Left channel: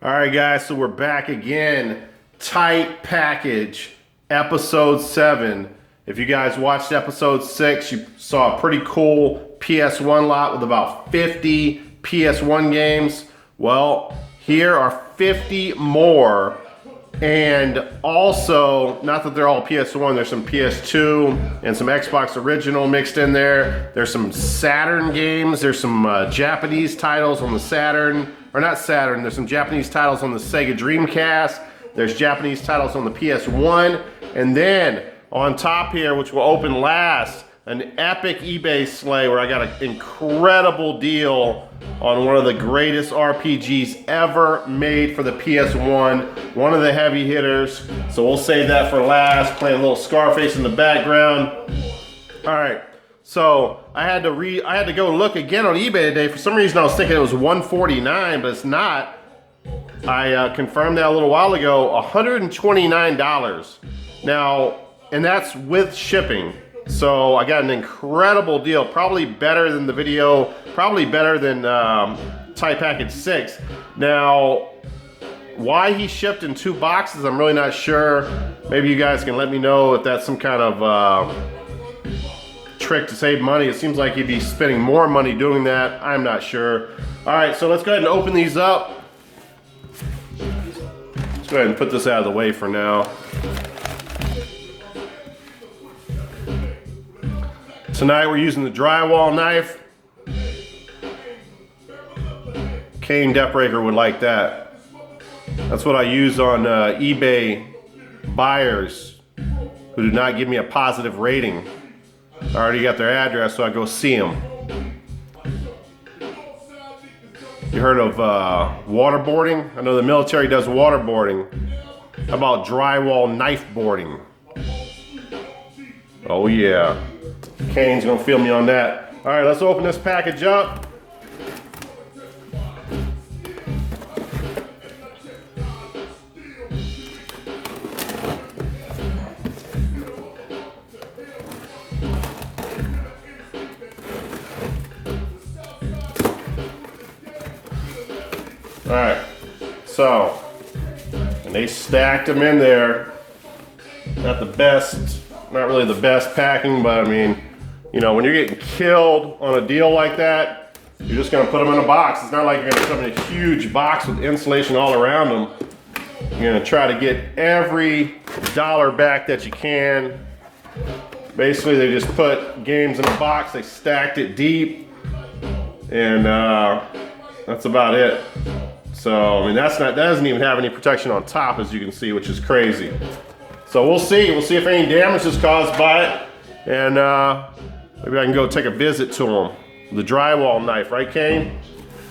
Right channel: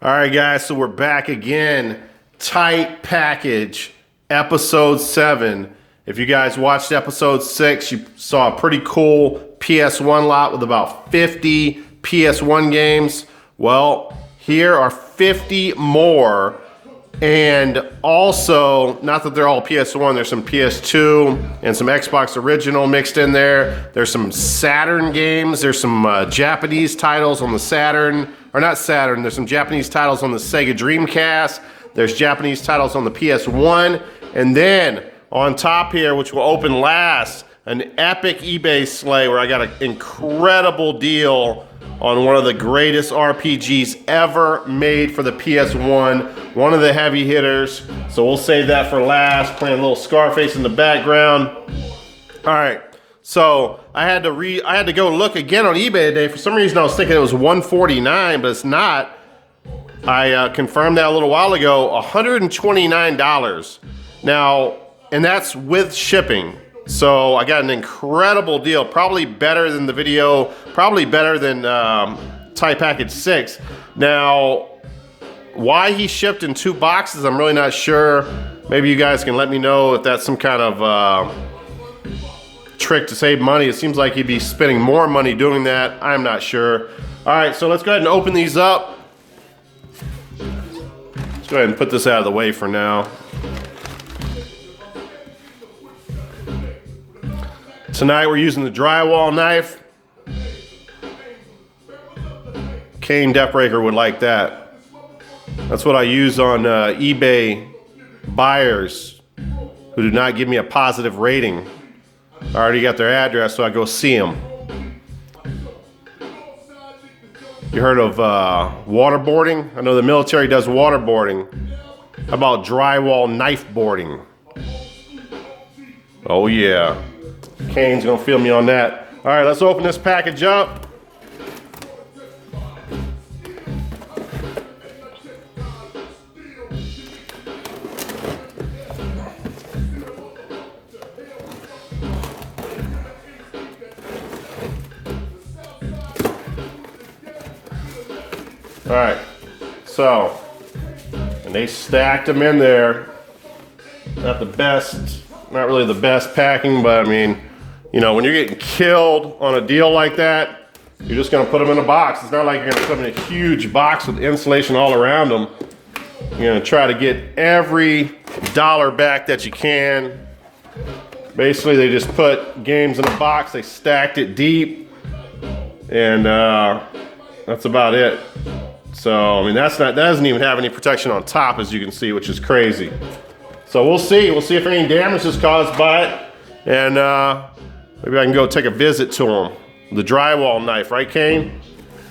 All right, guys, so we're back again. Tight package, episode 7. If you guys watched episode 6, you saw a pretty cool PS1 lot with about 50 PS1 games. Well, here are 50 more. And also, not that they're all PS1, there's some PS2 and some Xbox original mixed in there. There's some Saturn games. There's some Japanese titles on the Saturn. Or not Saturn, there's some Japanese titles on the Sega Dreamcast. There's Japanese titles on the PS1. And then, on top here, which will open last, an epic eBay slay where I got an incredible deal on one of the greatest RPGs ever made for the PS1. One of the heavy hitters. So we'll save that for last. Playing a little Scarface in the background. All right. So I had to go look again on eBay today. For some reason I was thinking it was $149, but it's not. I confirmed that a little while ago. $129. Now, and that's with shipping. So I got an incredible deal, probably better than the video, probably better than Tight Package 6. Now, why he shipped in 2 boxes, I'm really not sure. Maybe you guys can let me know if that's some kind of trick to save money. It seems like he'd be spending more money doing that. I'm not sure. All right, so let's go ahead and open these up. Let's go ahead and put this out of the way for now. Tonight we're using the drywall knife. Kane Depraver would like that. That's what I use on eBay buyers who do not give me a positive rating. I already got their address, so I go see them. You heard of waterboarding? I know the military does waterboarding. How about drywall knife boarding? Oh yeah. Kane's gonna feel me on that. All right, let's open this package up. All right, so, and they stacked them in there. Not the best, not really the best packing, but I mean, you know, when you're getting killed on a deal like that, you're just gonna put them in a box. It's not like you're gonna put them in a huge box with insulation all around them. You're gonna try to get every dollar back that you can. Basically, they just put games in a box, they stacked it deep, and that's about it. So, I mean, that doesn't even have any protection on top, as you can see, which is crazy. So we'll see if any damage is caused by it, and maybe I can go take a visit to them. The drywall knife, right, Kane?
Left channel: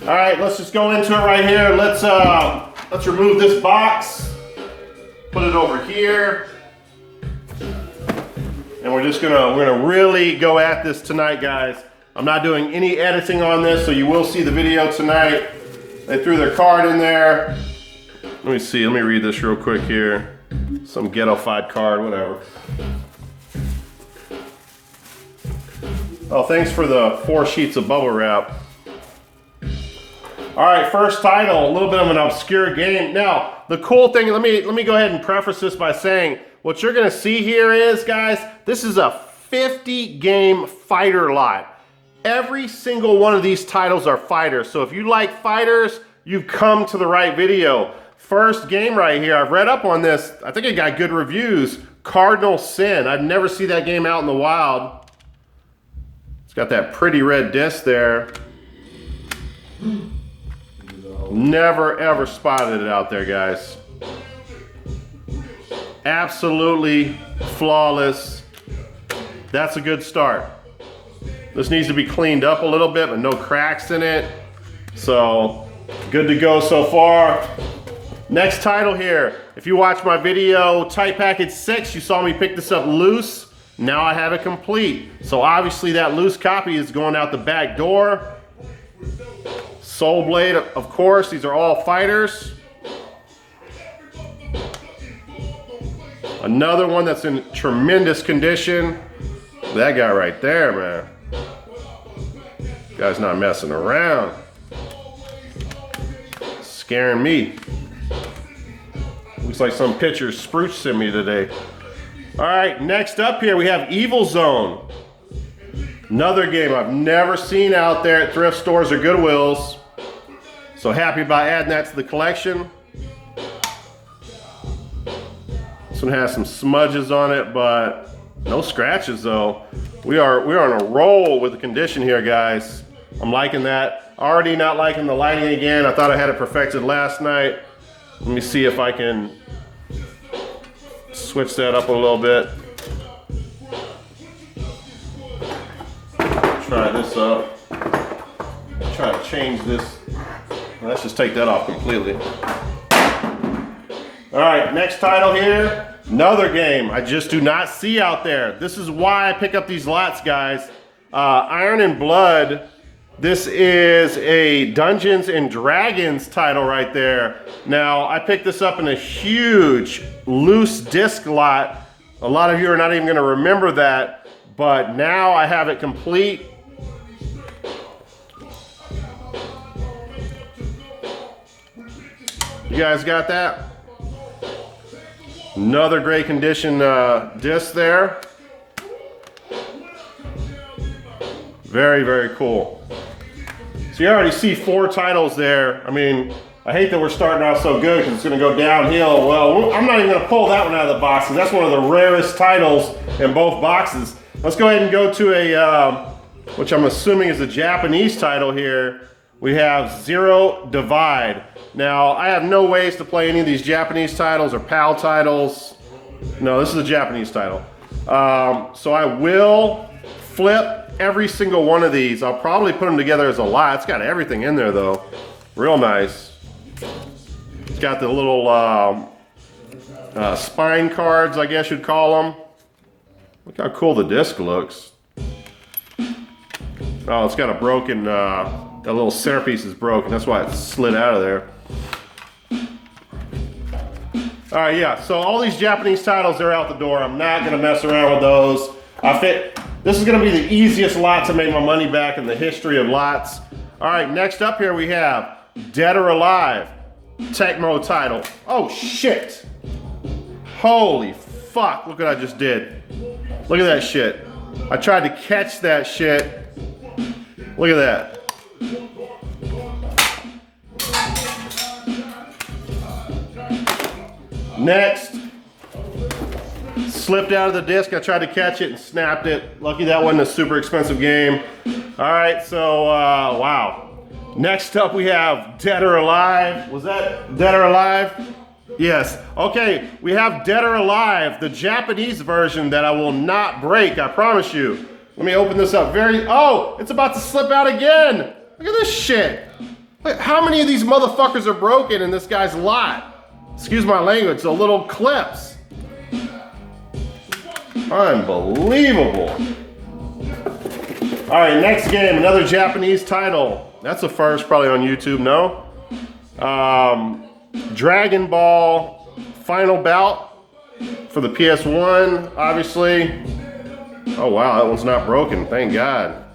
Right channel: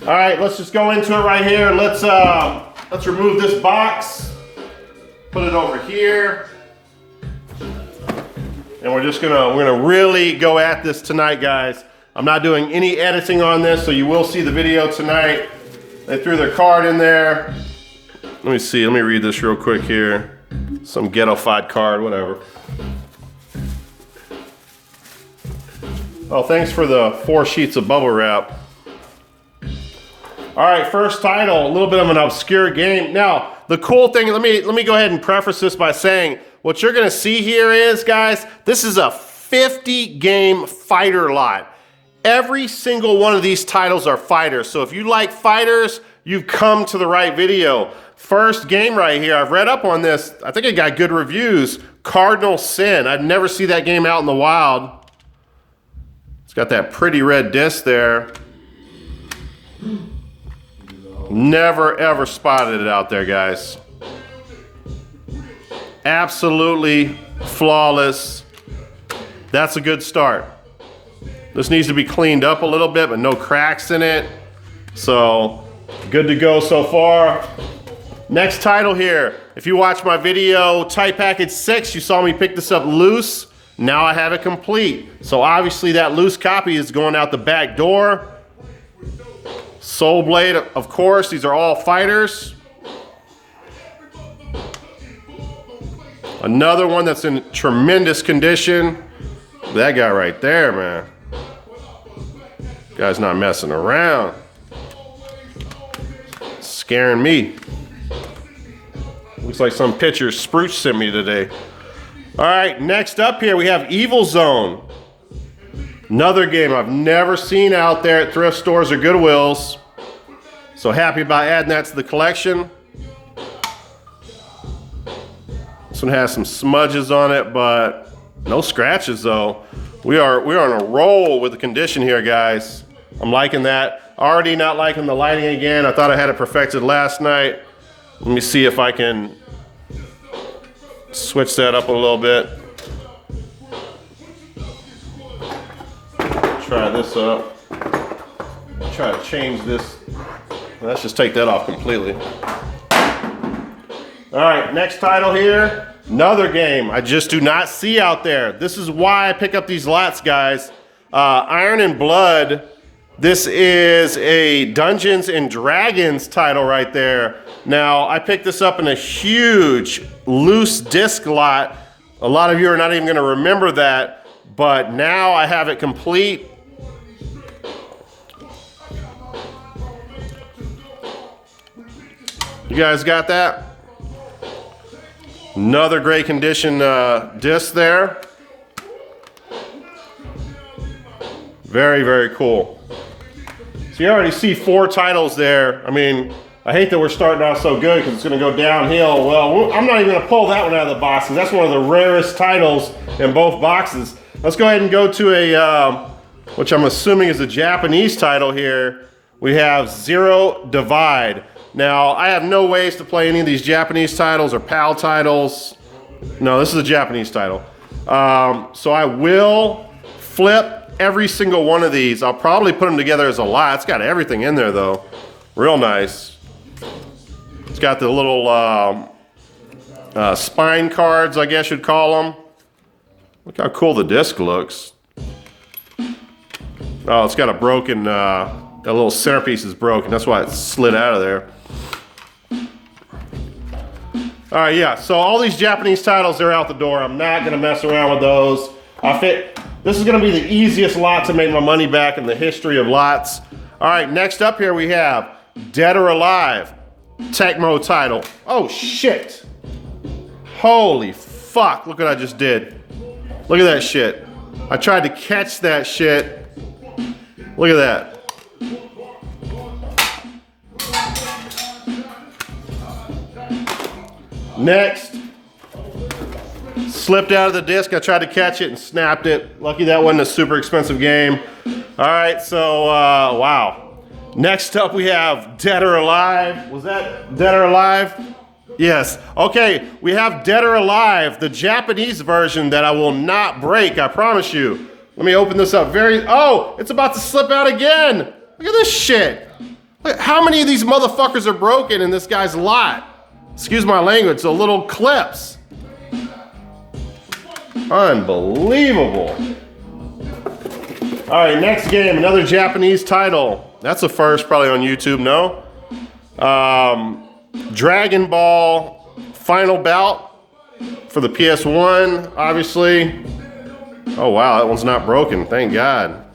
All right, let's just go into it right here. Let's remove this box, put it over here, and we're gonna really go at this tonight, guys. I'm not doing any editing on this, so you will see the video tonight. They threw their card in there. Let me see. Let me read this real quick here. Some ghetto-fied card, whatever. Oh, thanks for the 4 sheets of bubble wrap. All right, first title, a little bit of an obscure game. Now, the cool thing, let me go ahead and preface this by saying, what you're gonna see here is, guys, this is a 50-game fighter lot. Every single one of these titles are fighters. So if you like fighters, you've come to the right video. First game right here, I've read up on this. I think it got good reviews. Cardinal Sin. I'd never see that game out in the wild. It's got that pretty red disc there. Never ever spotted it out there, guys. Absolutely flawless. That's a good start. This needs to be cleaned up a little bit, but no cracks in it. So, good to go so far. Next title here. If you watch my video, Tight Package 6, you saw me pick this up loose. Now I have it complete. So obviously that loose copy is going out the back door. Soul Blade, of course, these are all fighters. Another one that's in tremendous condition. That guy right there, man. Guy's not messing around. Scaring me. Looks like some picture Spruce sent me today. All right, next up here we have Evil Zone. Another game I've never seen out there at thrift stores or Goodwills. So happy about adding that to the collection. This one has some smudges on it, but no scratches though. We are on a roll with the condition here, guys. I'm liking that. Already not liking the lighting again. I thought I had it perfected last night. Let me see if I can switch that up a little bit. Try this up. Try to change this. Let's just take that off completely. All right, next title here. Another game I just do not see out there. This is why I pick up these lots, guys. Iron and Blood. This is a Dungeons and Dragons title right there. Now, I picked this up in a huge loose disc lot. A lot of you are not even gonna remember that, but now I have it complete. You guys got that? Another great condition disc there. Very, very cool. So you already see 4 titles there. I mean, I hate that we're starting out so good because it's going to go downhill. Well, I'm not even going to pull that one out of the box because that's one of the rarest titles in both boxes. Let's go ahead and go to a, which I'm assuming is a Japanese title here. We have Zero Divide. Now, I have no ways to play any of these Japanese titles or PAL titles. No, this is a Japanese title. So I will flip every single one of these. I'll probably put them together as a lot. It's got everything in there though. Real nice. It's got the little spine cards, I guess you'd call them. Look how cool the disc looks. Oh, it's got a broken, that little centerpiece is broken. That's why it slid out of there. All right, yeah, so all these Japanese titles, they're out the door. I'm not gonna mess around with those. This is gonna be the easiest lot to make my money back in the history of lots. All right, next up here we have Dead or Alive, Tecmo title. Oh shit. Holy fuck, look what I just did. Look at that shit. I tried to catch that shit. Look at that. Next, slipped out of the disc. I tried to catch it and snapped it. Lucky that wasn't a super expensive game. All right, so wow. Next up we have Dead or Alive. Was that Dead or Alive? Yes. Okay, we have Dead or Alive, the Japanese version that I will not break, I promise you. Let me open this up oh, it's about to slip out again. Look at this shit. Look, how many of these motherfuckers are broken in this guy's lot? Excuse my language, the little clips. Unbelievable. All right, next game, another Japanese title. That's a first probably on YouTube, no? Dragon Ball Final Bout for the PS1, obviously. Oh wow, that one's not broken, thank God.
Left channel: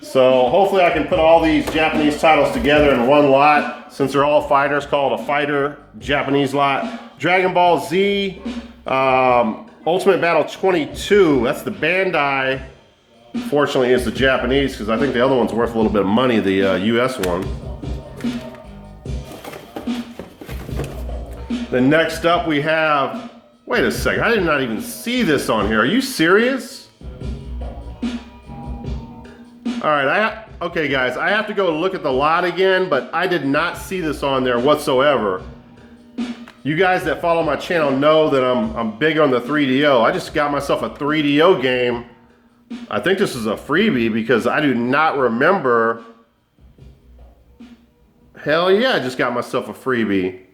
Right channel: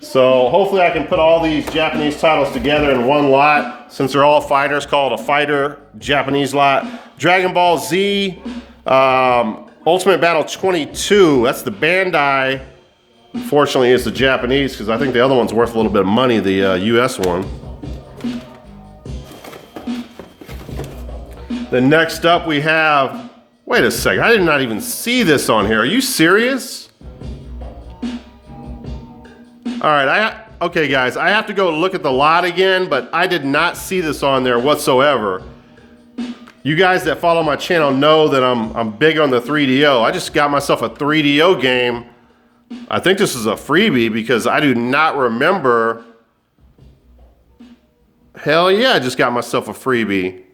So hopefully I can put all these Japanese titles together in one lot, since they're all fighters, called a fighter Japanese lot. Dragon Ball Z, Ultimate Battle 22, that's the Bandai. Fortunately, it's the Japanese, because I think the other one's worth a little bit of money, the US one. Then next up we have, wait a second, I did not even see this on here. Are you serious? All right, okay guys, I have to go look at the lot again, but I did not see this on there whatsoever. You guys that follow my channel know that I'm big on the 3DO. I just got myself a 3DO game. I think this is a freebie because I do not remember. Hell yeah, I just got myself a freebie.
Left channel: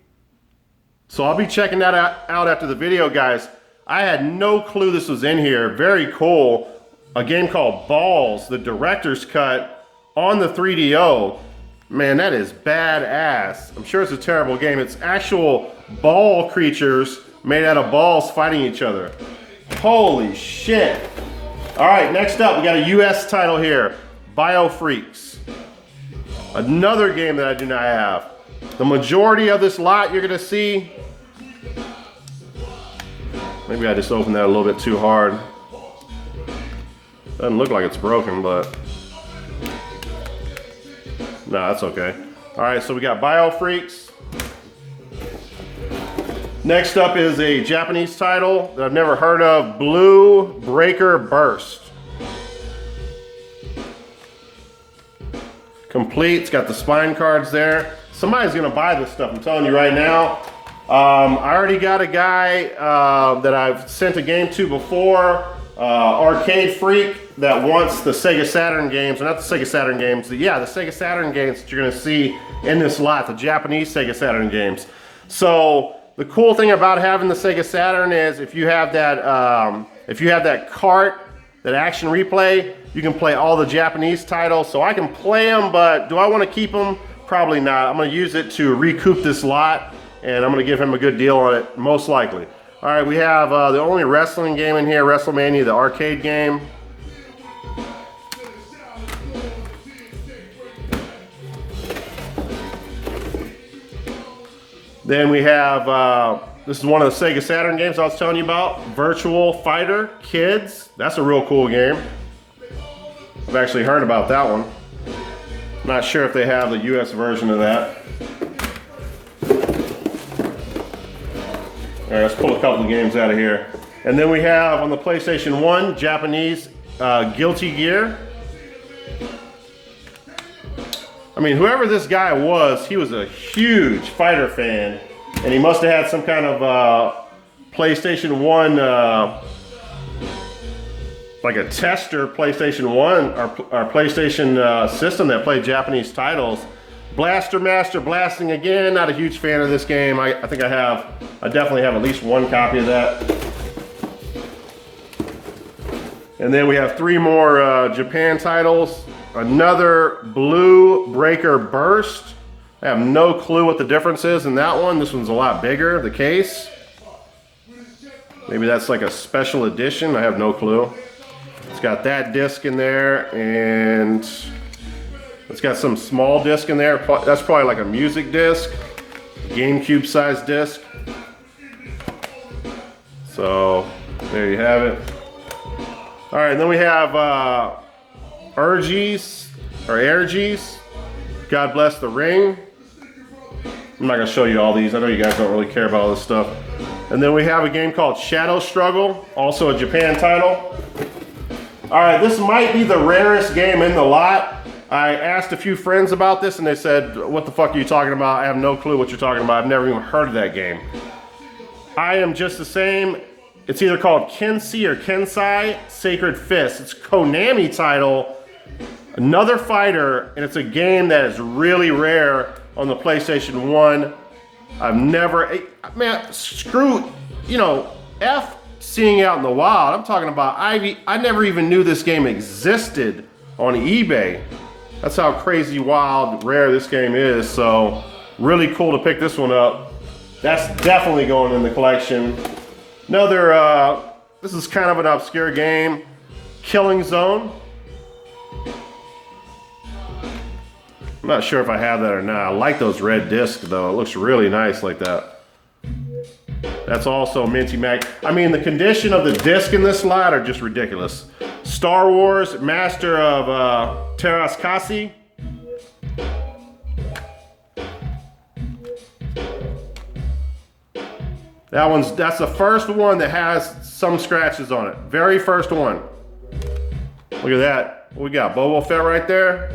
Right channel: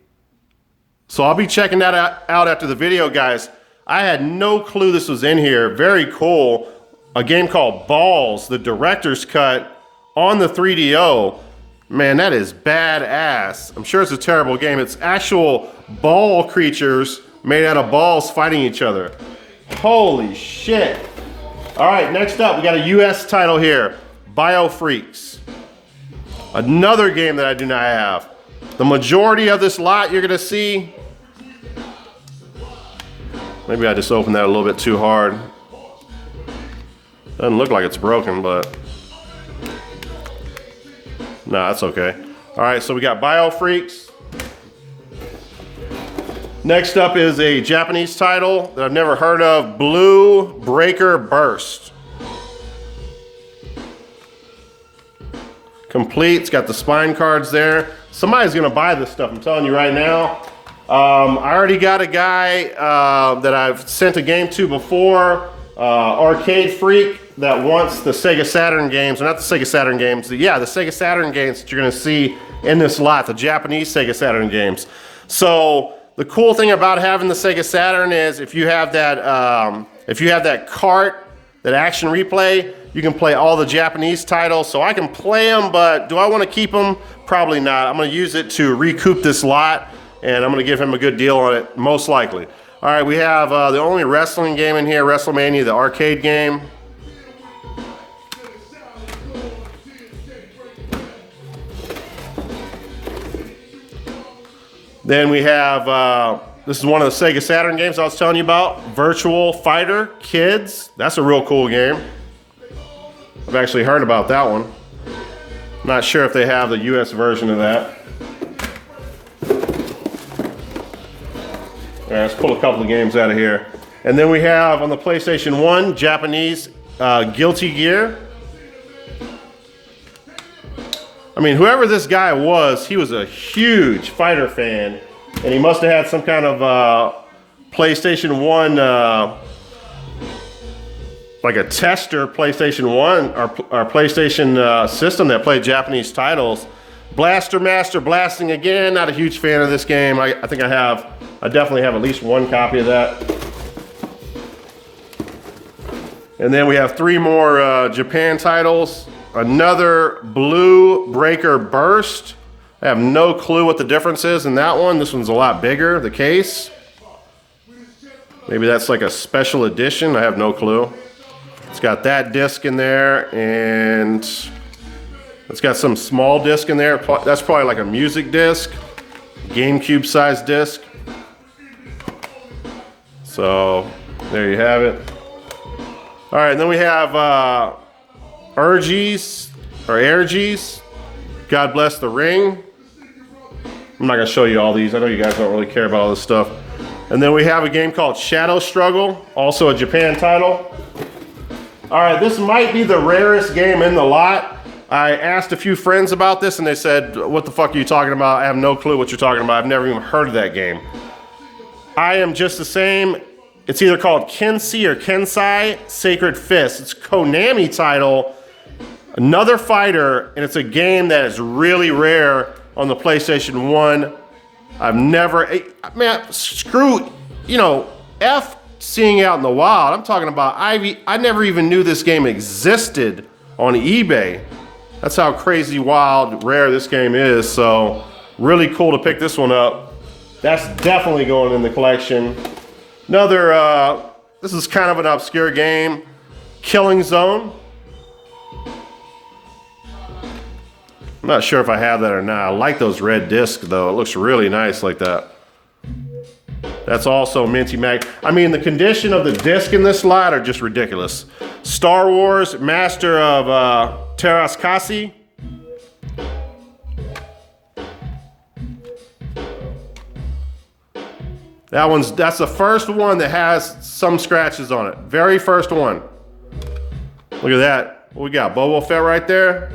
So I'll be checking that out after the video, guys. I had no clue this was in here. Very cool. A game called Balls, the director's cut on the 3DO. Man, that is badass. I'm sure it's a terrible game. It's actual ball creatures made out of balls fighting each other. Holy shit. All right, next up, we got a US title here, BioFreaks. Another game that I do not have. The majority of this lot you're gonna see Maybe I just opened that a little bit too hard. Doesn't look like it's broken, but no, that's okay. All right, so we got Bio Freaks. Next up is a Japanese title that I've never heard of, Blue Breaker Burst. Complete, it's got the spine cards there. Somebody's gonna buy this stuff, I'm telling you right now. I already got a guy that I've sent a game to before, Arcade Freak, that wants the Sega Saturn games, or not the Sega Saturn games, yeah, the Sega Saturn games that you're gonna see in this lot, the Japanese Sega Saturn games. So the cool thing about having the Sega Saturn is if you have that cart, that action replay, you can play all the Japanese titles. So I can play them, but do I want to keep them? Probably not. I'm going to use it to recoup this lot, and I'm going to give him a good deal on it, most likely. All right, we have the only wrestling game in here, WrestleMania, the arcade game. Then we have, this is one of the Sega Saturn games I was telling you about, Virtual Fighter Kids. That's a real cool game. I've actually heard about that one. Not sure if they have the US version of that. All right, let's pull a couple of games out of here. And then we have on the PlayStation 1, Japanese Guilty Gear. I mean, whoever this guy was, he was a huge fighter fan, and he must have had some kind of PlayStation 1, like a tester PlayStation 1 or PlayStation system that played Japanese titles. Blaster Master Blasting again, not a huge fan of this game. I think I definitely have at least one copy of that. And then we have 3 more Japan titles. Another Blue Breaker Burst. I have no clue what the difference is in that one. This one's a lot bigger, the case. Maybe that's like a special edition. I have no clue. It's got that disc in there, and it's got some small disc in there. That's probably like a music disc, GameCube sized disc. So there you have it. All right, and then we have Ergies, God Bless the Ring. I'm not gonna show you all these. I know you guys don't really care about all this stuff. And then we have a game called Shadow Struggle, also a Japan title. All right, this might be the rarest game in the lot. I asked a few friends about this and they said, what the fuck are you talking about? I have no clue what you're talking about. I've never even heard of that game. I am just the same. It's either called Kensei or Kensai Sacred Fist. It's a Konami title, another fighter, and it's a game that is really rare on the PlayStation 1. I've never, man, screw, F seeing out in the wild. I'm talking about I never even knew this game existed on eBay. That's how crazy, wild, rare this game is. So really cool to pick this one up. That's definitely going in the collection. Another, this is kind of an obscure game, Killing Zone. I'm not sure if I have that or not. I like those red discs though. It looks really nice like that. That's also Minty Mag. I mean, the condition of the disc in this lot are just ridiculous. Star Wars, Master of Terraskasi. That's the first one that has some scratches on it. Very first one. Look at that. What we got? Boba Fett right there.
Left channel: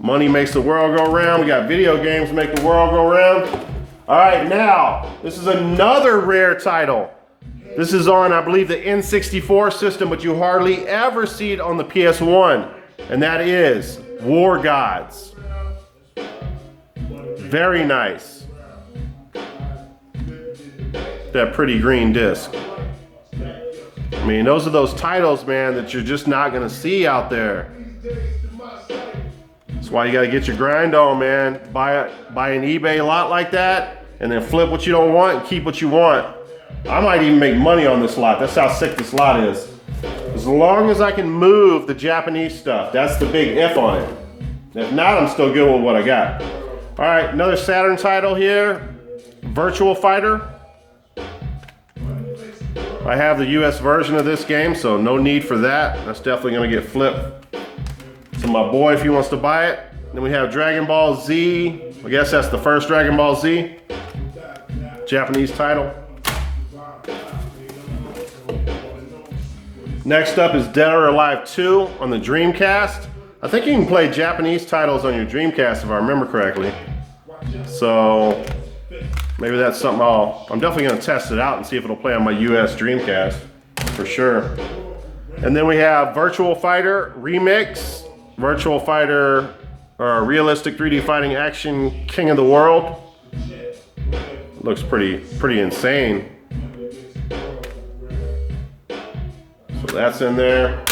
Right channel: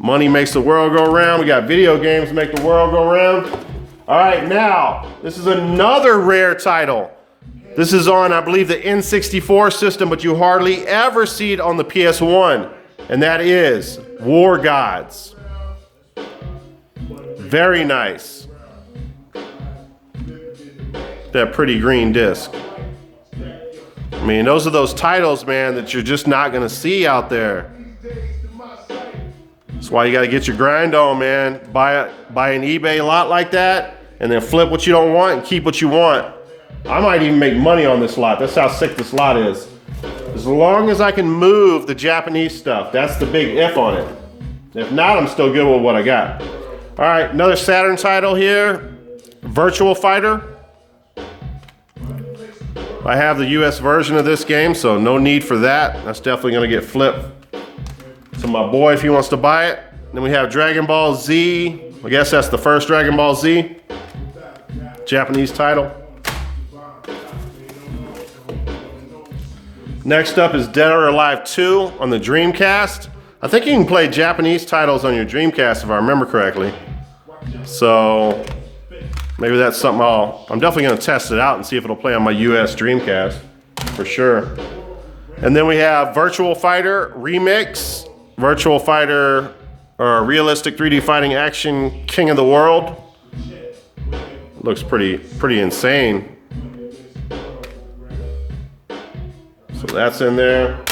Money makes the world go round. We got video games make the world go round. All right, now, this is another rare title. This is on, I believe, the N64 system, but you hardly ever see it on the PS1, and that is War Gods. Very nice. That pretty green disc. I mean, those are those titles, man, that you're just not gonna see out there. That's why you gotta get your grind on, man. Buy an eBay lot like that, and then flip what you don't want and keep what you want. I might even make money on this lot. That's how sick this lot is. As long as I can move the Japanese stuff, that's the big if on it. If not, I'm still good with what I got. All right, another Saturn title here, Virtual Fighter. I have the US version of this game, so no need for that. That's definitely gonna get flipped to my boy if he wants to buy it. Then we have Dragon Ball Z. I guess that's the first Dragon Ball Z. Japanese title. Next up is Dead or Alive 2 on the Dreamcast. I think you can play Japanese titles on your Dreamcast if I remember correctly. So maybe that's something I'm definitely gonna test it out and see if it'll play on my US Dreamcast for sure. And then we have Virtual Fighter Remix, Virtual Fighter or Realistic 3D Fighting Action King of the World. Looks pretty insane. So that's in there.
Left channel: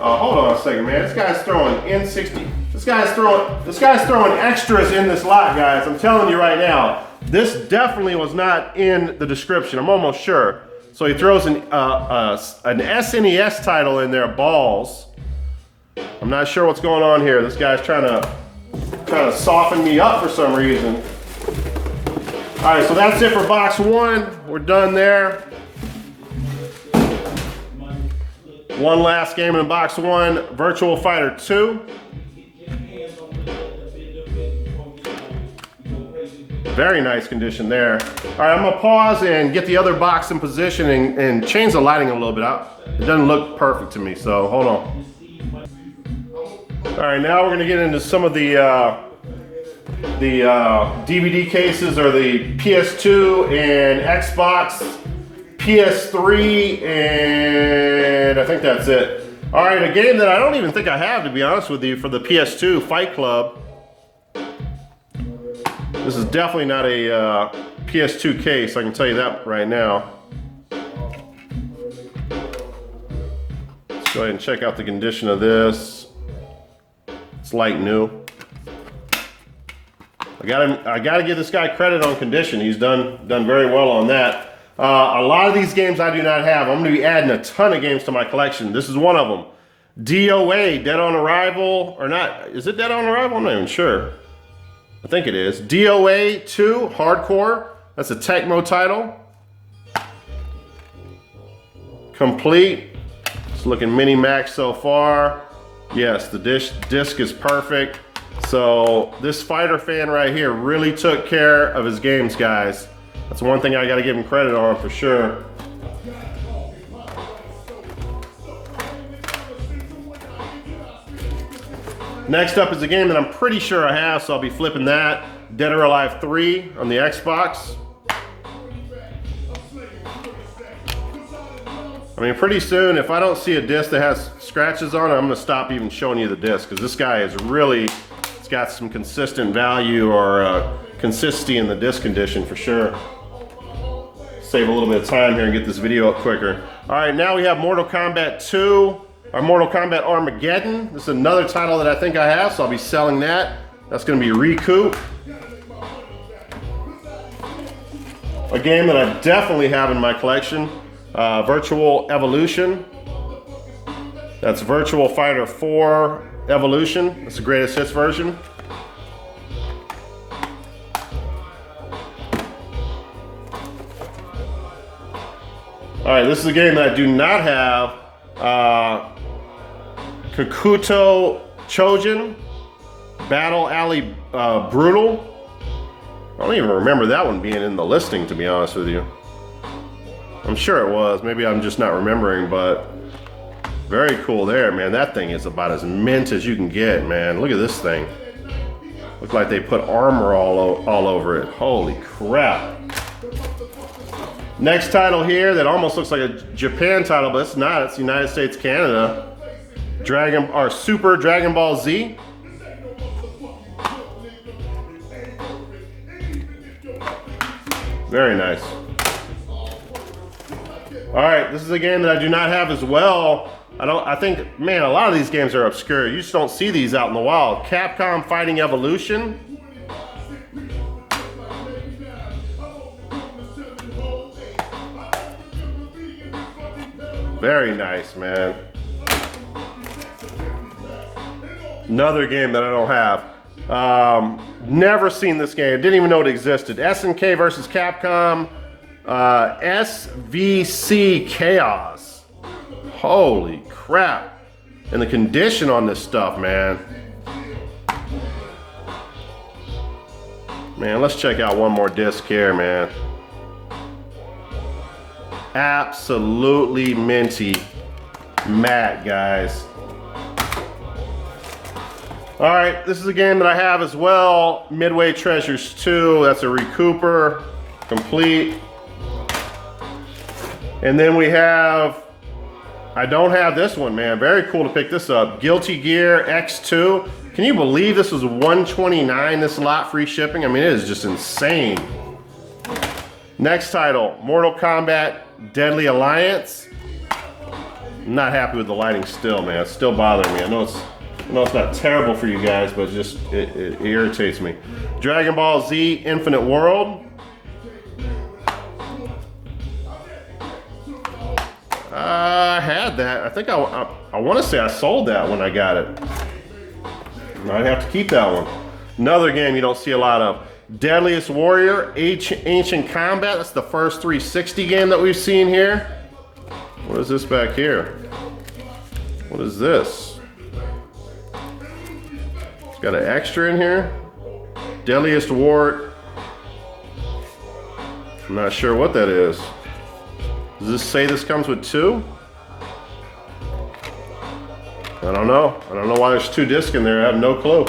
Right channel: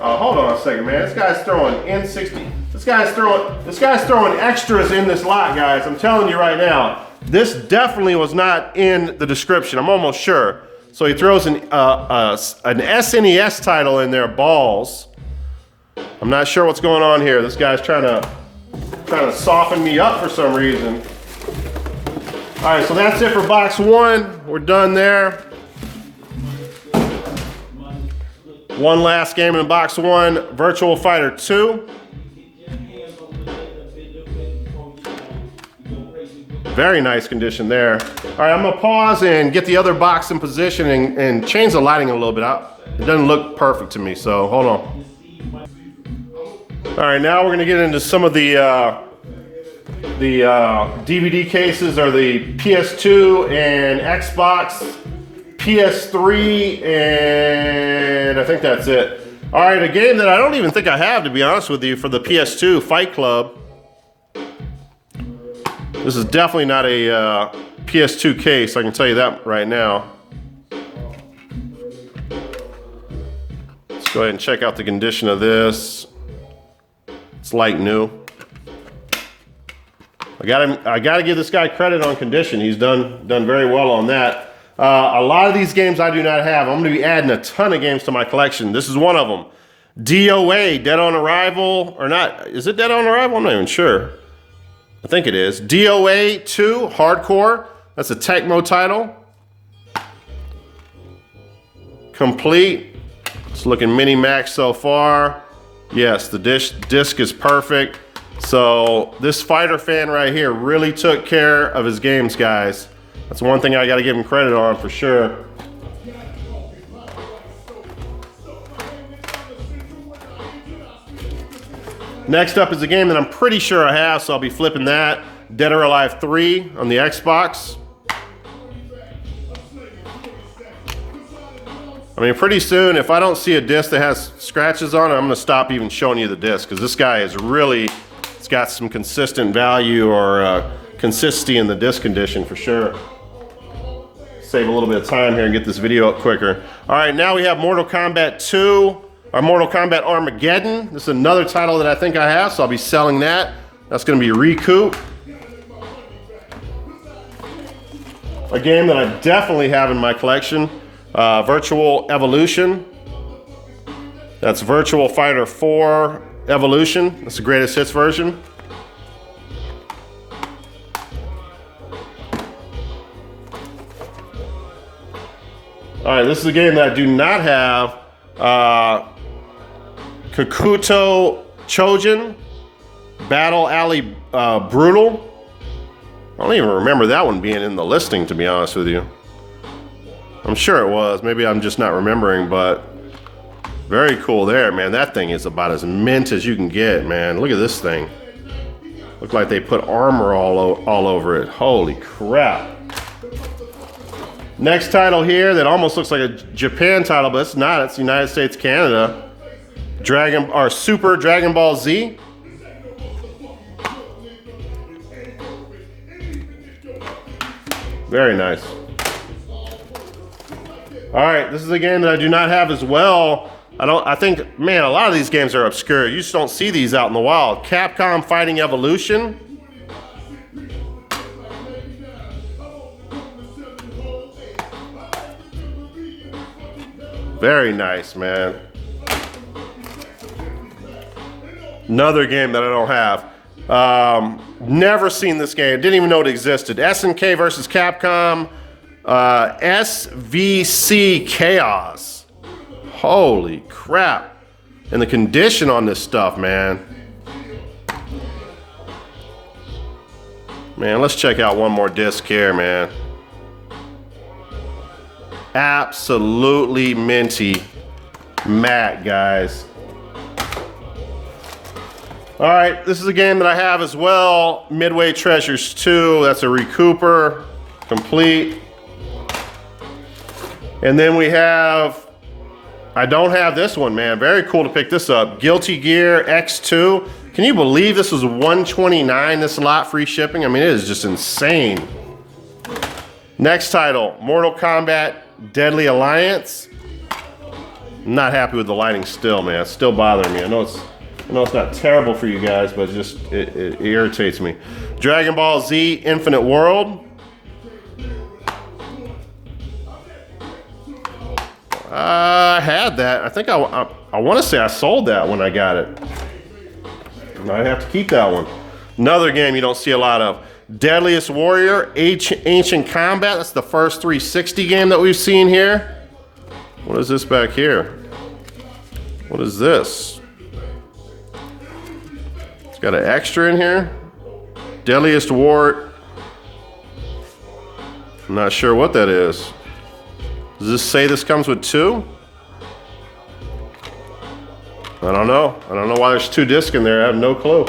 Oh, hold on a second, man. This guy's throwing N60. This guy's throwing extras in this lot, guys. I'm telling you right now. This definitely was not in the description. I'm almost sure. So he throws an SNES title in there, Balls. I'm not sure what's going on here. This guy's trying to soften me up for some reason. All right, so that's it for box one. We're done there. One last game in box one, Virtual Fighter 2. Very nice condition there. All right, I'm gonna pause and get the other box in position and change the lighting a little bit out. It doesn't look perfect to me, so hold on. All right, now we're gonna get into some of the DVD cases or the PS2 and Xbox, PS3, and I think that's it. All right, a game that I don't even think I have, to be honest with you, for the PS2, Fight Club. This is definitely not a PS2 case, I can tell you that right now. Let's go ahead and check out the condition of this. It's like new. I gotta give this guy credit on condition. He's done very well on that. A lot of these games I do not have. I'm gonna be adding a ton of games to my collection. This is one of them. DOA, Dead on Arrival, or not, is it Dead on Arrival? I'm not even sure. I think it is. DOA 2, Hardcore. That's a Tecmo title. Complete. It's looking mini-max so far. Yes, the disc is perfect. So this fighter fan right here really took care of his games, guys. That's one thing I gotta give him credit on for sure. Next up is a game that I'm pretty sure I have, so I'll be flipping that. Dead or Alive 3 on the Xbox. I mean, pretty soon, if I don't see a disc that has scratches on it, I'm gonna stop even showing you the disc, because this guy is really, it's got some consistent value or consistency in the disc condition for sure. Save a little bit of time here and get this video up quicker. All right, now we have Mortal Kombat 2. Our Mortal Kombat Armageddon. This is another title that I think I have, so I'll be selling that. That's gonna be Recoup. A game that I definitely have in my collection, Virtual Evolution. That's Virtual Fighter 4 Evolution. That's the greatest hits version. All right, this is a game that I do not have. Kakuto Chojin, Battle Alley Brutal. I don't even remember that one being in the listing, to be honest with you. I'm sure it was. Maybe I'm just not remembering, but very cool there, man. That thing is about as mint as you can get, man. Look at this thing. Looks like they put armor all over it. Holy crap. Next title here that almost looks like a Japan title, but it's not. It's United States, Canada. Super Dragon Ball Z. Very nice. All right, this is a game that I do not have as well. I think, man, a lot of these games are obscure. You just don't see these out in the wild. Capcom Fighting Evolution. Very nice, man. Another game that I don't have. Never seen this game. Didn't even know it existed. SNK versus Capcom. SVC Chaos. Holy crap. And the condition on this stuff, man. Man, let's check out one more disc here, man. Absolutely minty matte, guys. All right, this is a game that I have as well. Midway Treasures 2. That's a recouper, complete. And then we have, I don't have this one, man. Very cool to pick this up. Guilty Gear X2. Can you believe this was $129, this lot, free shipping? I mean, it is just insane. Next title, Mortal Kombat Deadly Alliance. I'm not happy with the lighting still, man. It's still bothering me. I know it's not terrible for you guys, but it irritates me. Dragon Ball Z Infinite World. I had that. I think I want to say I sold that when I got it. I'd have to keep that one. Another game you don't see a lot of. Deadliest Warrior, Ancient Combat. That's the first 360 game that we've seen here. What is this back here? What is this? It's got an extra in here. Deadliest War. I'm not sure what that is. Does this say this comes with 2? I don't know. I don't know why there's 2 discs in there. I have no clue.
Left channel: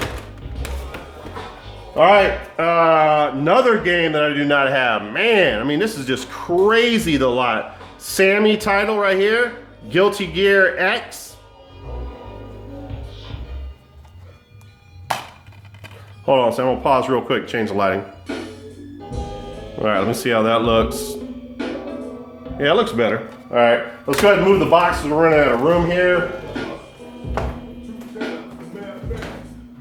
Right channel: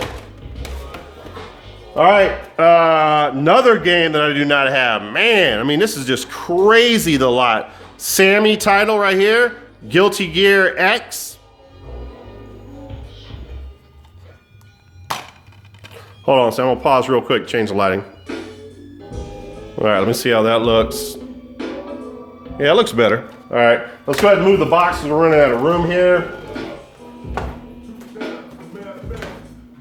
All right, another game that I do not have. Man, I mean, this is just crazy, the lot. Sammy title right here. Guilty Gear X. Hold on, so I'm gonna pause real quick, change the lighting. All right, let me see how that looks. Yeah, it looks better. All right, let's go ahead and move the boxes. We're running out of room here.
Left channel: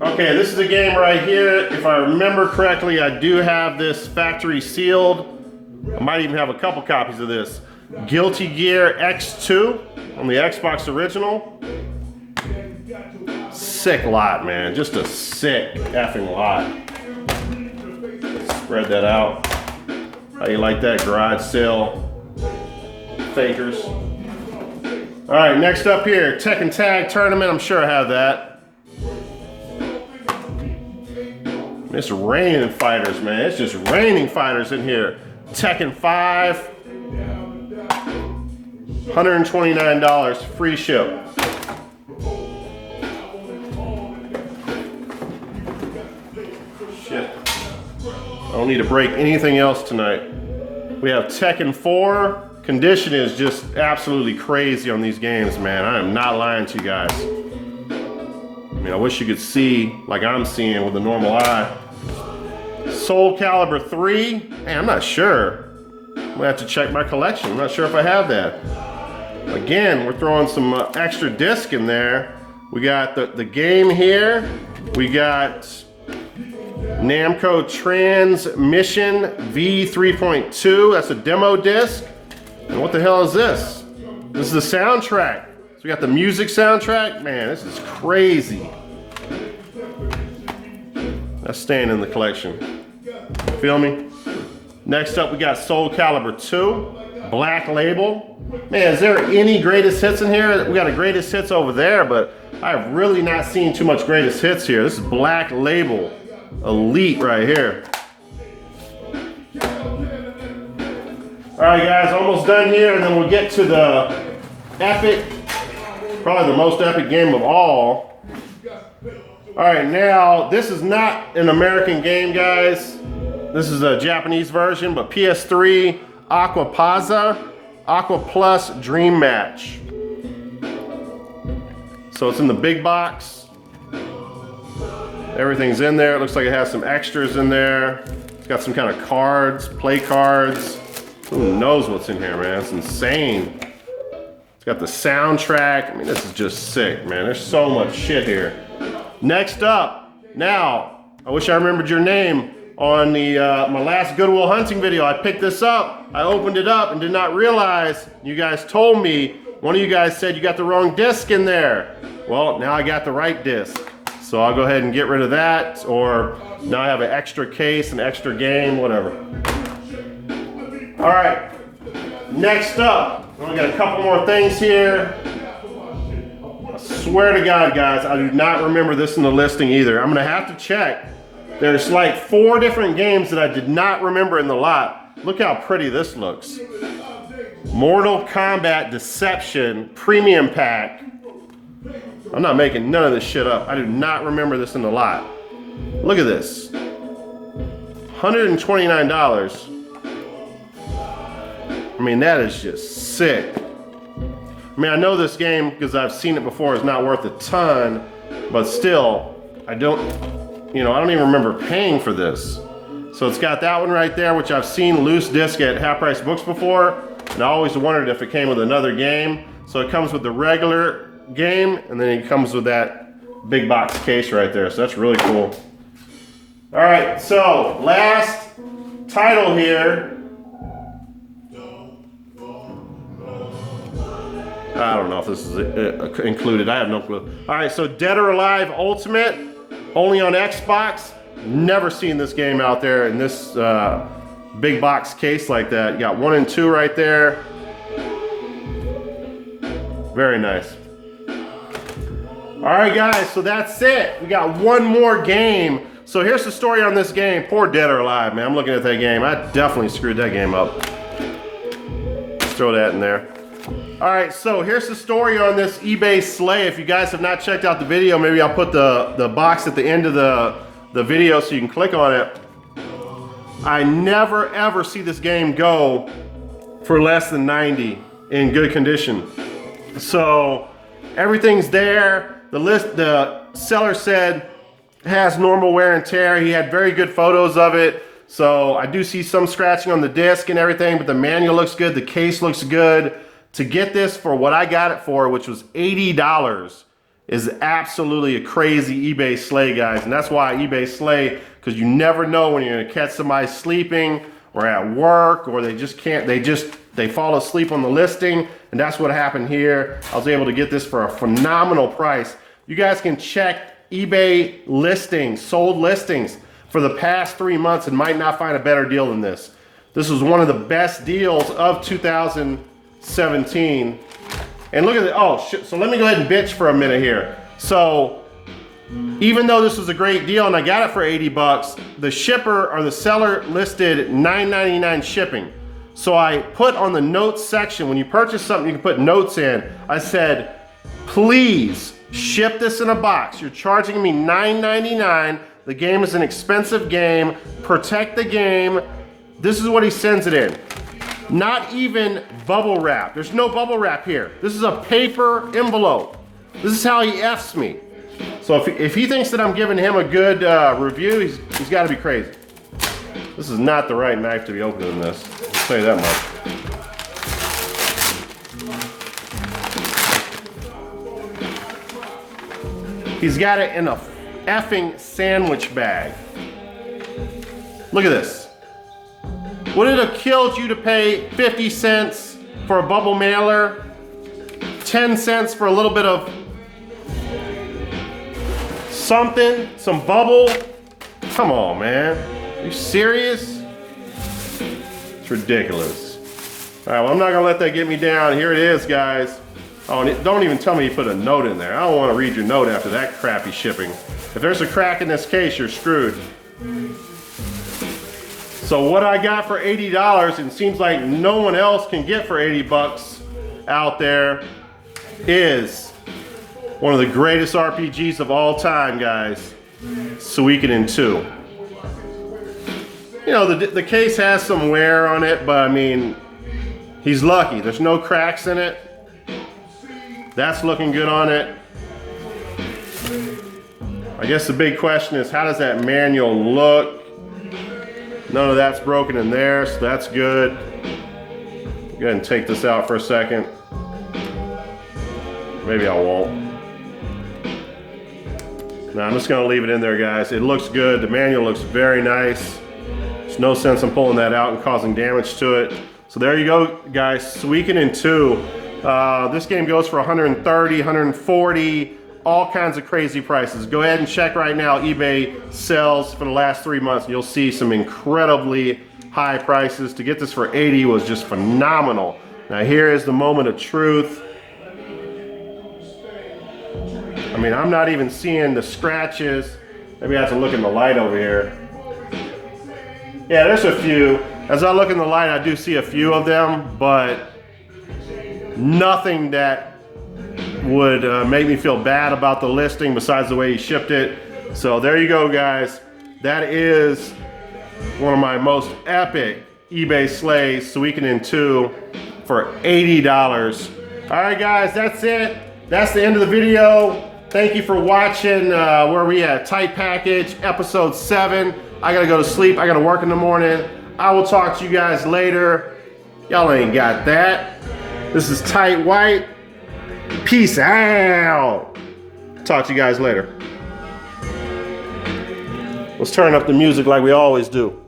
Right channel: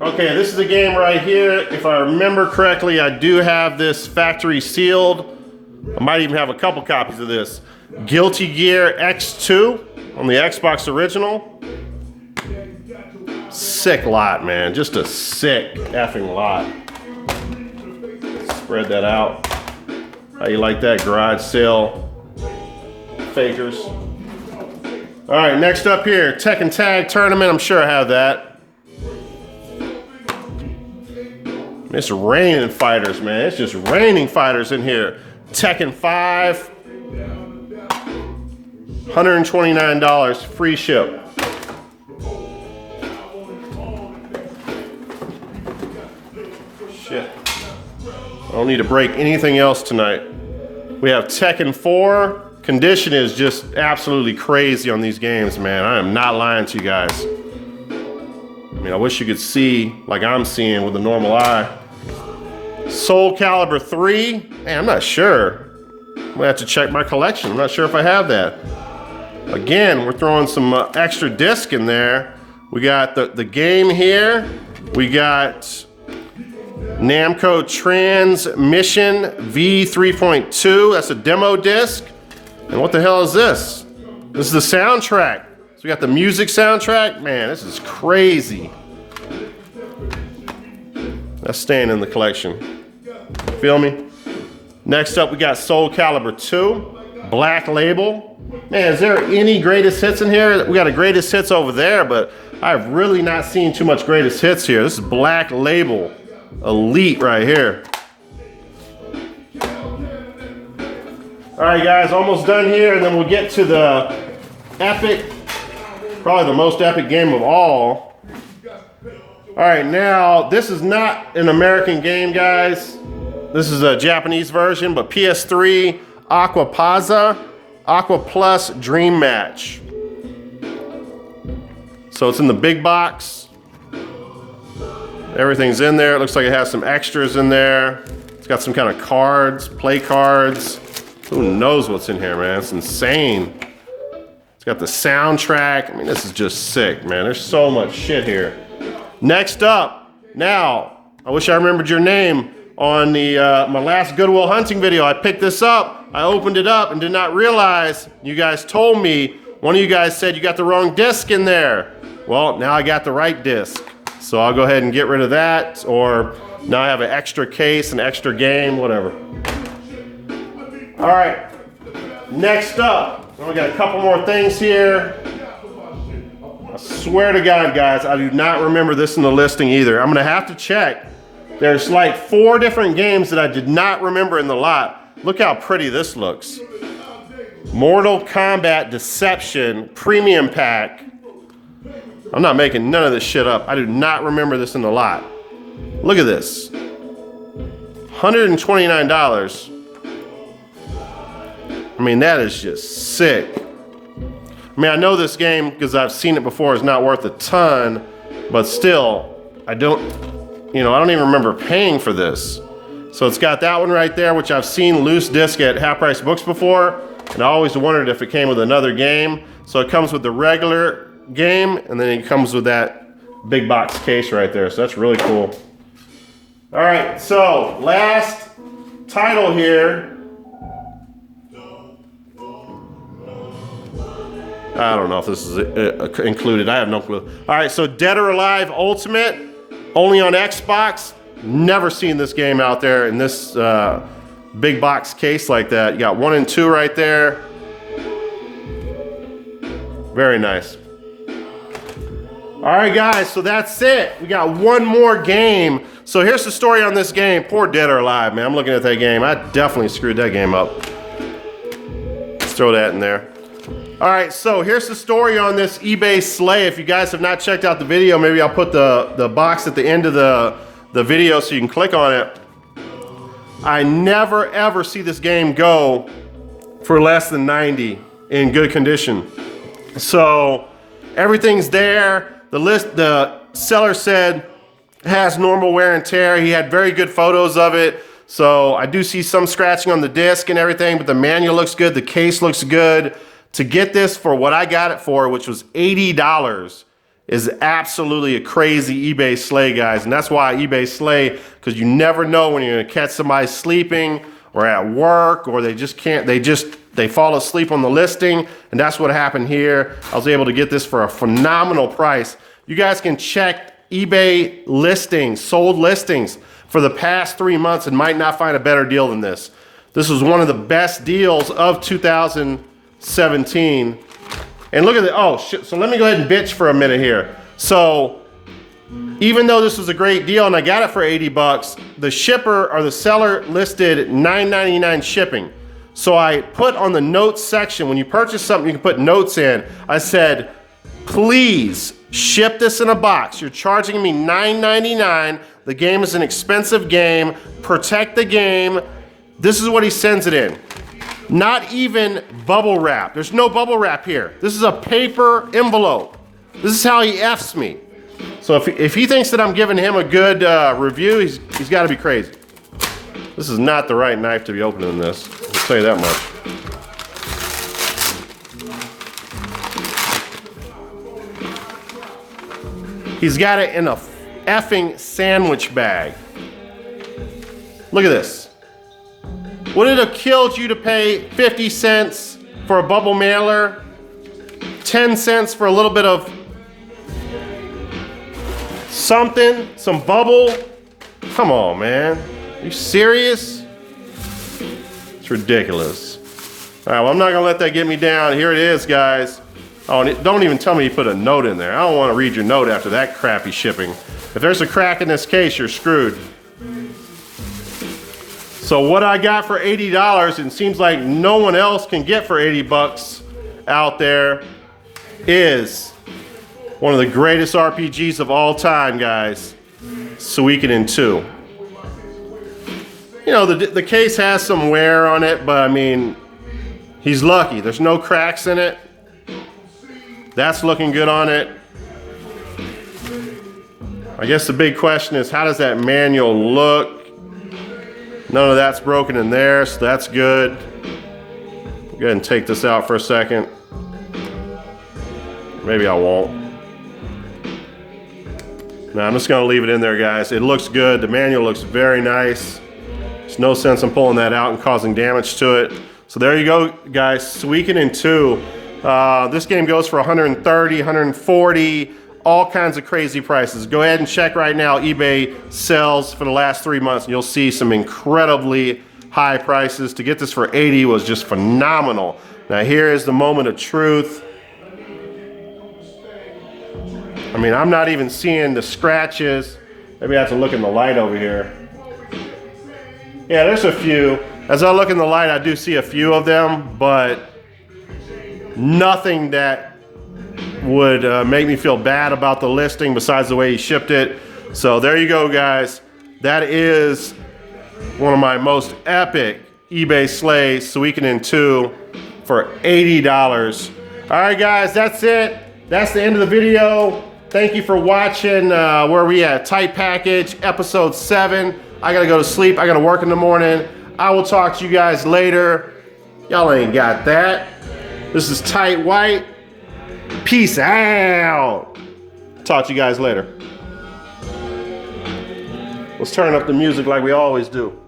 Okay, this is the game right here. If I remember correctly, I do have this factory sealed. I might even have a couple copies of this. Guilty Gear X2 on the Xbox original. Sick lot, man. Just a sick effing lot. Spread that out. How you like that, garage sale fakers? All right, next up here, Tekken Tag Tournament. I'm sure I have that. It's raining fighters, man. It's just raining fighters in here. Tekken 5. $129, free ship. Shit. I don't need to break anything else tonight. We have Tekken 4. Condition is just absolutely crazy on these games, man. I am not lying to you guys. I mean, I wish you could see like I'm seeing with a normal eye. Soul Calibur 3. Man, I'm not sure. I'm gonna have to check my collection. I'm not sure if I have that. Again, we're throwing some extra disc in there. We got the game here. We got Namco Transmission V3.2. That's a demo disc. And what the hell is this? This is the soundtrack. So we got the music soundtrack. Man, this is crazy. That's staying in the collection. Feel me? Next up, we got Soul Calibur 2, Black Label. Man, is there any greatest hits in here? We got a greatest hits over there, but I've really not seen too much greatest hits here. This is Black Label, Elite right here. All right, guys, almost done here, and then we'll get to the epic, probably the most epic game of all. All right, now, this is not an American game, guys. This is a Japanese version, but PS3 Aquapaza Aqua Plus Dream Match. So it's in the big box. Everything's in there. It looks like it has some extras in there. It's got some kind of cards, play cards. Who knows what's in here, man? It's insane. It's got the soundtrack. I mean, this is just sick, man. There's so much shit here. Next up, now, I wish I remembered your name. On the my last Goodwill Hunting video, I picked this up. I opened it up and did not realize, you guys told me, one of you guys said you got the wrong disc in there. Well, now I got the right disc. So I'll go ahead and get rid of that, or now I have an extra case, an extra game, whatever. All right, next up, we got a couple more things here. I swear to God, guys, I do not remember this in the listing either. I'm gonna have to check. There's like 4 different games that I did not remember in the lot. Look how pretty this looks. Mortal Kombat Deception Premium Pack. I'm not making none of this shit up. I do not remember this in the lot. Look at this. $129. I mean, that is just sick. I mean, I know this game because I've seen it before. It's not worth a ton, but still, I don't even remember paying for this. So it's got that one right there, which I've seen loose disc at Half Price Books before, and I always wondered if it came with another game. So it comes with the regular game, and then it comes with that big box case right there. So that's really cool. All right, so last title here. I don't know if this is included. I have no clue. All right, so Dead or Alive Ultimate, only on Xbox. Never seen this game out there in this big box case like that. You got 1 and 2 right there. Very nice. All right, guys, so that's it. We got one more game. So here's the story on this game. Poor Dead or Alive, man. I'm looking at that game. I definitely screwed that game up. Let's throw that in there. All right, so here's the story on this eBay sleigh. If you guys have not checked out the video, maybe I'll put the box at the end of the video so you can click on it. I never ever see this game go for less than 90 in good condition. So everything's there. The seller said it has normal wear and tear. He had very good photos of it. So I do see some scratching on the disc and everything, but the manual looks good. The case looks good. To get this for what I got it for, which was $80, is absolutely a crazy eBay sleigh, guys. And that's why eBay sleigh, because you never know when you're gonna catch somebody sleeping or at work, or they fall asleep on the listing. And that's what happened here. I was able to get this for a phenomenal price. You guys can check eBay listings, sold listings for the past 3 months and might not find a better deal than this. This was one of the best deals of 2017. And look at it. Oh shit. So let me go ahead and bitch for a minute here. So even though this was a great deal and I got it for 80 bucks, the shipper or the seller listed $9.99 shipping. So I put on the notes section, when you purchase something, you can put notes in. I said, please ship this in a box. You're charging me $9.99. The game is an expensive game. Protect the game. This is what he sends it in. Not even bubble wrap. There's no bubble wrap here. This is a paper envelope. This is how he F's me. So if he thinks that I'm giving him a good review, he's got to be crazy. This is not the right knife to be opening this. I'll tell you that much. He's got it in a effing sandwich bag. Look at this. Would it have killed you to pay 50 cents for a bubble mailer? 10 cents for a little bit of something, some bubble? Come on, man. You serious? It's ridiculous. All right, well, I'm not gonna let that get me down. Here it is, guys. Oh, don't even tell me you put a note in there. I don't want to read your note after that crappy shipping. If there's a crack in this case, you're screwed. So what I got for $80, and seems like no one else can get for 80 bucks out there, is one of the greatest RPGs of all time, guys. Suikoden 2. You know, the case has some wear on it, but I mean, he's lucky. There's no cracks in it. That's looking good on it. I guess the big question is, how does that manual look? None of that's broken in there, so that's good. Go ahead and take this out for a second. Maybe I won't. No, I'm just gonna leave it in there, guys. It looks good. The manual looks very nice. There's no sense in pulling that out and causing damage to it. So there you go, guys. Suikoden 2. This game goes for $130, $140, all kinds of crazy prices. Go ahead and check right now eBay sales for the last 3 months, and you'll see some incredibly high prices. To get this for 80 was just phenomenal. Now here is the moment of truth. I mean, I'm not even seeing the scratches. Maybe I have to look in the light over here. Yeah, there's a few. As I look in the light, I do see a few of them, but nothing that would make me feel bad about the listing besides the way he shipped it. So there you go, guys. That is one of my most epic eBay slays, Suikoden 2 for $80. All right, guys, that's it. That's the end of the video. Thank you for watching. Where we at? Tight Package, episode 7. I gotta go to sleep. I gotta work in the morning. I will talk to you guys later. Y'all ain't got that. This is Tight White. Peace out. Talk to you guys later. Let's turn up the music like we always do.